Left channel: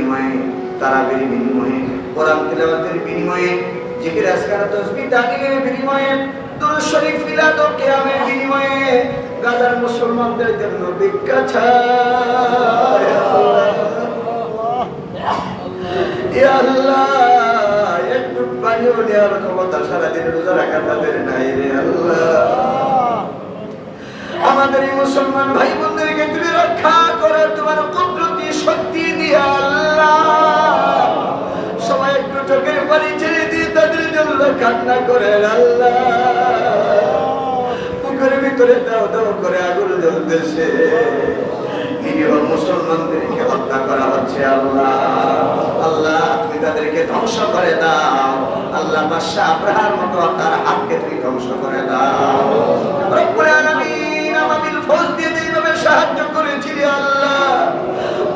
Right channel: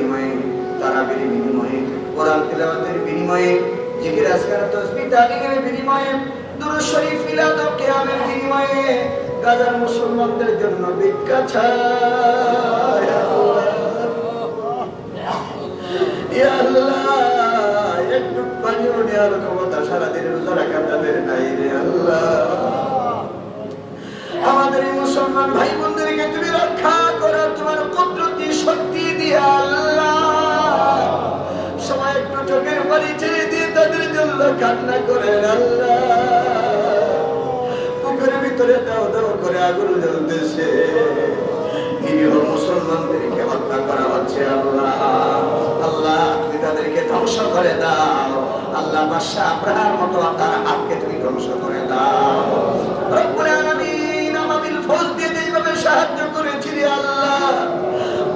বিনিময়ে, তারাবির বিনিময়ে, কোরআন তিলাওয়াতের বিনিময়ে, জিকির আজকার তসবিহ তাহলিলের বিনিময়ে, দুরূদ শরীফ মিলাদ ও কিয়ামের বিনিময়ে, গাজার মুসলমানদের জন্য ভিক্ষা চায় ইয়া আল্লাহ একটু পানিও নেওয়ার ক্ষমতা সারাদিন রোজা রাখা তাদের নাই রে আল্লাহ। আমাদের মুসলমান ভাই বোনদেরকে কান্না করেন আল্লাহ পুকুরের ভিতরে দাও দাও করে আগুন জ্বলতেছে। নিরীহ মুসলমানদেরকে হত্যা করা হচ্ছে আল্লাহ। আল্লাহ, তুমি তাদেরকে ধ্বংস করে দাও। আল্লাহ বাদশাহ আব্রাহার মতো তার হাতকে তুমি ধ্বংস করে দাও। রব্বুল আলামিন আমাদের ফৌজ দিয়ে যেইভাবে সাহায্য করেছিলি আল্লাহ,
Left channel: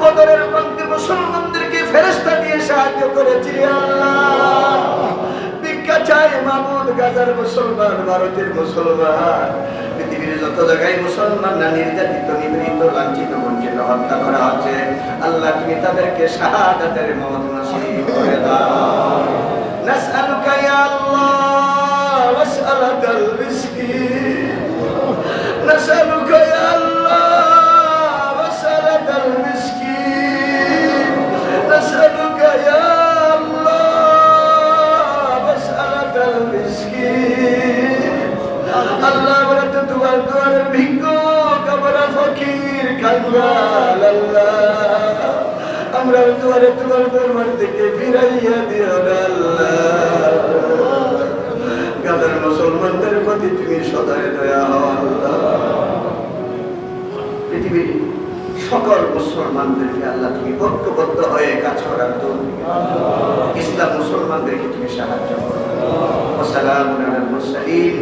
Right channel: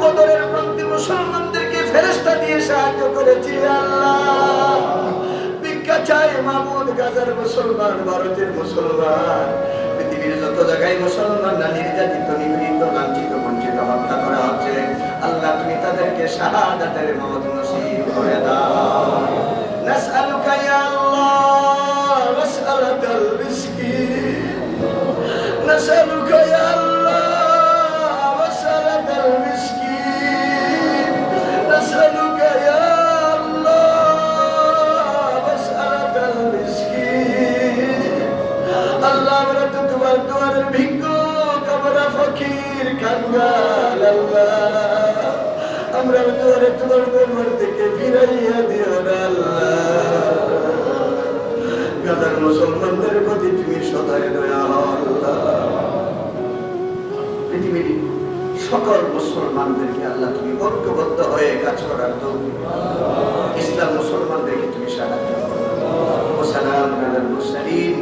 বদরের প্রান্তে মুসলমানদেরকে ফেরেশতা দিয়ে সাহায্য করেছিলি আল্লাহ। চাই মাহমুদ, গাজার মুসলমান, ভারতের মুসলমান। পৃথিবীর যত জায়গায় মুসলমানরা নির্যাতিত নিবৃত লাঞ্ছিত, বঞ্চিত, হত্যা করা হচ্ছে আল্লাহ তুমি তাদেরকে শাহাদাতের মত নসিব করে দাও। নাসআলুকা ইয়া আল্লাহ ওয়াসআলাকাল রিজকি আমরা তোমার তোমার দরবার থেকে ফিরাইয়া দিও গাদার মুসলমানদের প্রতি তুমি সদয় দয়া পৃথিবীর সকল মুসলমানদেরকে আল্লাহ তুমি ঐক্যবদ্ধ হয়ে কাজ করার ইসলাম মুসলমানদেরকে তুমি সাহায্য করো। সালাম মুরসালিন।